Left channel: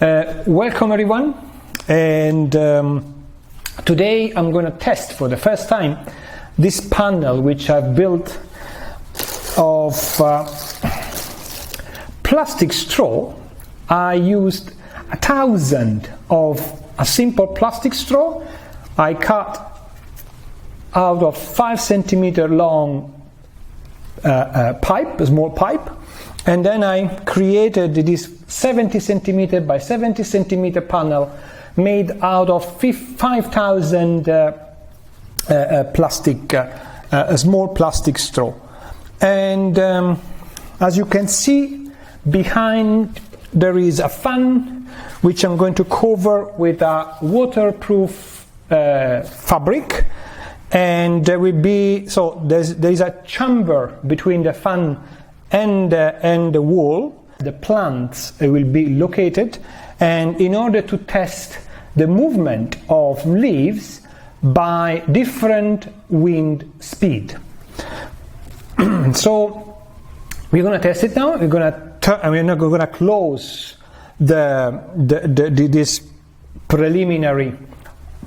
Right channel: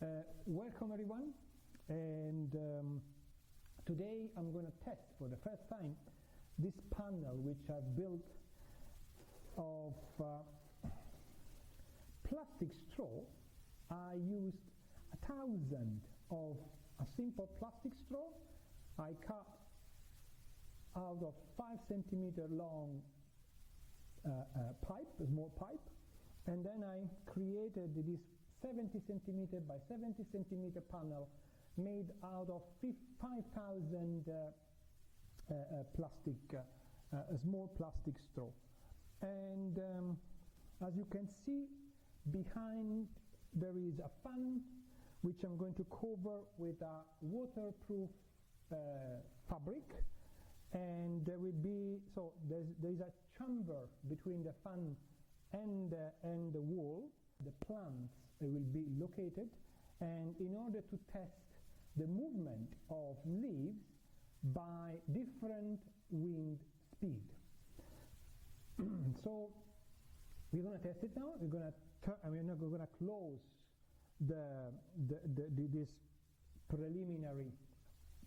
Welcome everyone, and today I'm going to test for the first time this panel which I've built of plastic straw. I used 1,000 of a simple plastic straw. I cut out of 5 centimeter long pipe, a small pipe, and then I created this 70 centimeter by 70 centimeter panel made out of 5,000 small plastic straw. And as you can see, behind there is a fan which I'm going to cover with a waterproof fabric, and there will be, so there is a chamber between the fan and the wall. The plants will be located, and in order to test the movement of leaves by different wind speed. So we're going to test it now. We're going to close this preliminary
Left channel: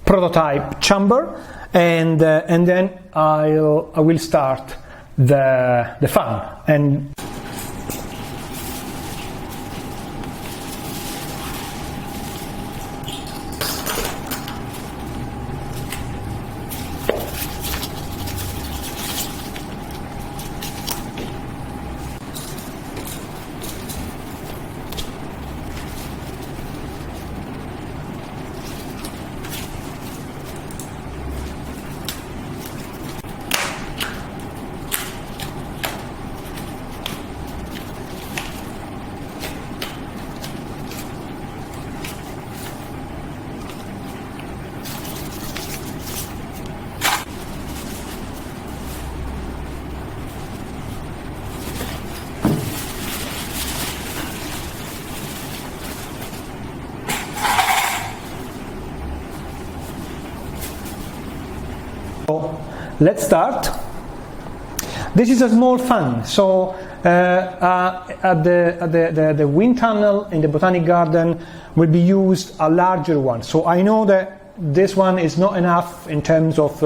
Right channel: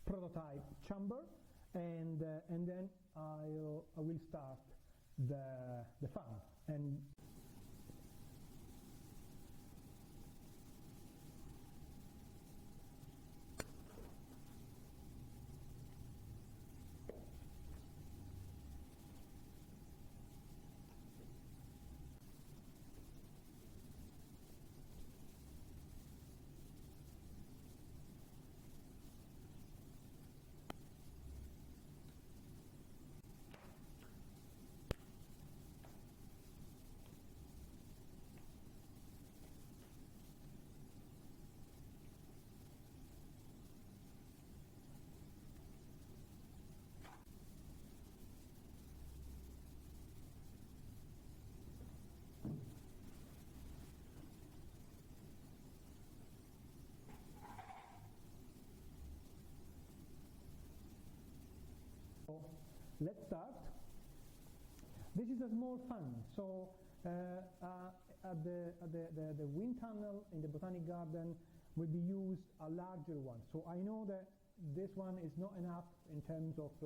prototype chamber, and then I will start the fan. And let's start. This is a small fan, so at the wind tunnel in the Botanic Garden will be used a larger one. So I know that this one is not enough in terms of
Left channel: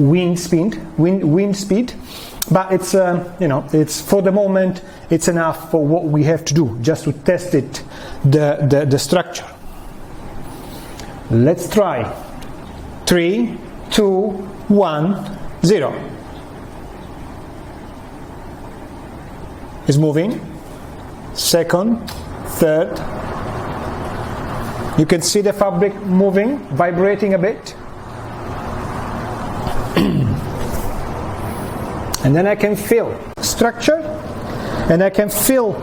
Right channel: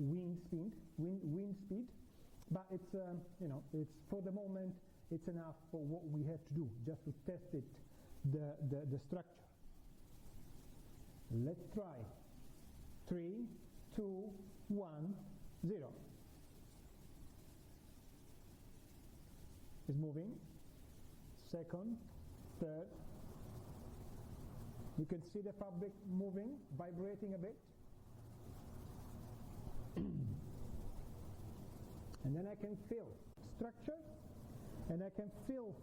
wind speed, but it's it's for the moment it's enough for what we have to do, just to test it, the structure. Let's try. 3, 2, 1, 0. It's moving. Second, third. You can see the fabric moving, vibrating a bit. And then I can feel structure, and I can feel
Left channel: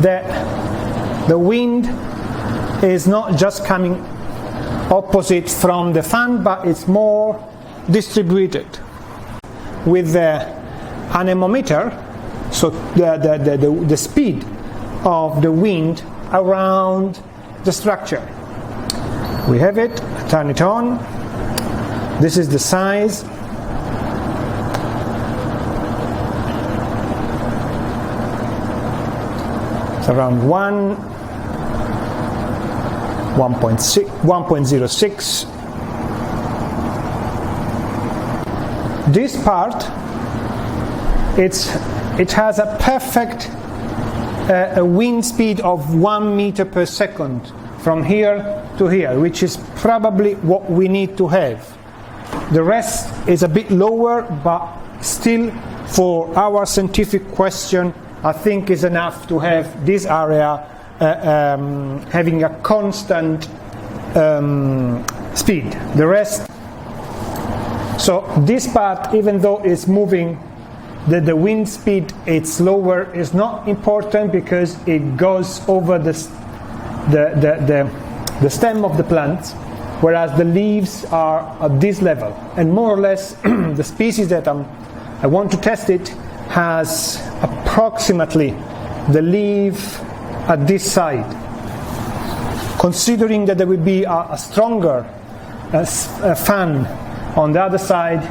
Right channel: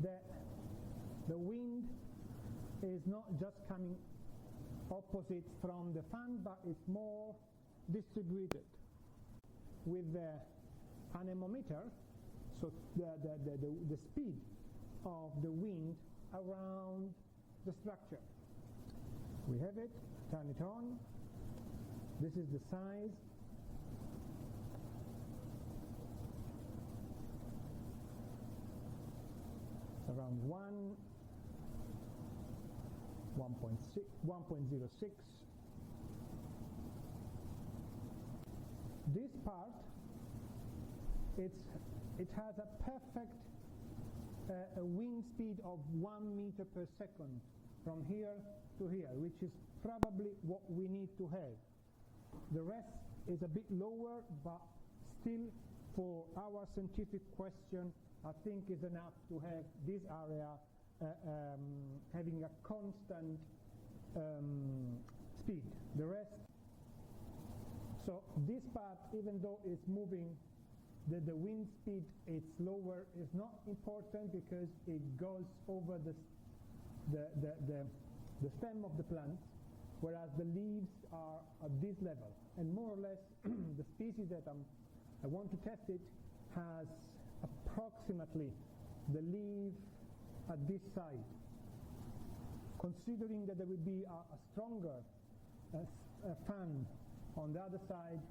that the wind is not just coming opposite from the fan, but it's more distributed. With the anemometer, so the speed of the wind around the structure. We have it, turn it on. This is the size. It's around 1.06. This part, it has a perfect wind speed of 1 meter per second from here to here, which is probably what we need to have. The rest is a bit lower, but still for our scientific question, I think is enough to have this area having a constant speed. The rest, so this part, even though it's moving, the wind speed it's lower, is not important because it goes over the stem of the plant, whereas the leaves are at this level, and more or less the species that I want to test it has approximately the leaf at this side. Considering that there will be a stronger fan on the other side,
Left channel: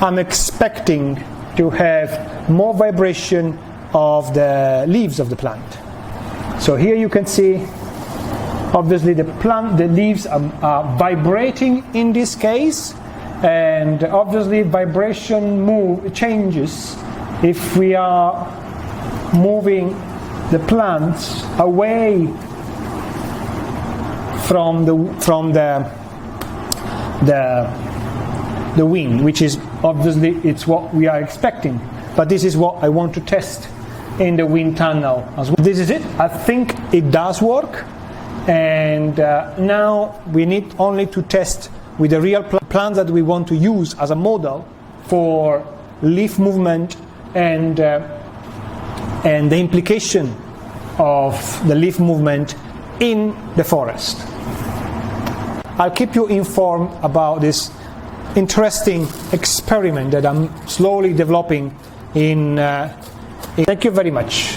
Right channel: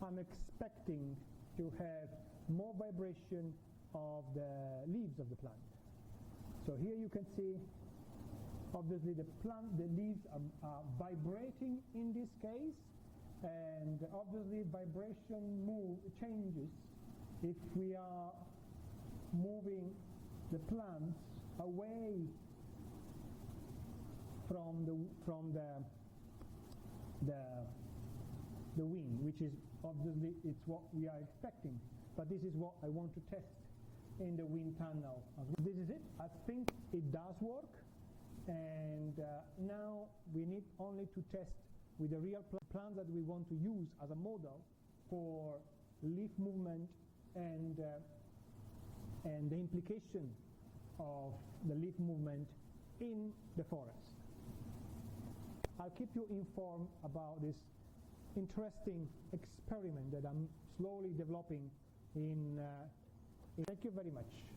I'm expecting to have more vibration of the leaves of the plant. So here you can see obviously the leaves are vibrating in this case, and obviously vibration changes if we are moving the plants away from the wind, which is obviously it's what we are expecting. But this is what I want to test in the wind tunnel as well. This is it. I think it does work, and now we need only to test with the real plants that we want to use as a model for leaf movement and the implication of the leaf movement in the forest. I'll keep you informed about this interesting experiment that I'm slowly developing in. Thank you very much.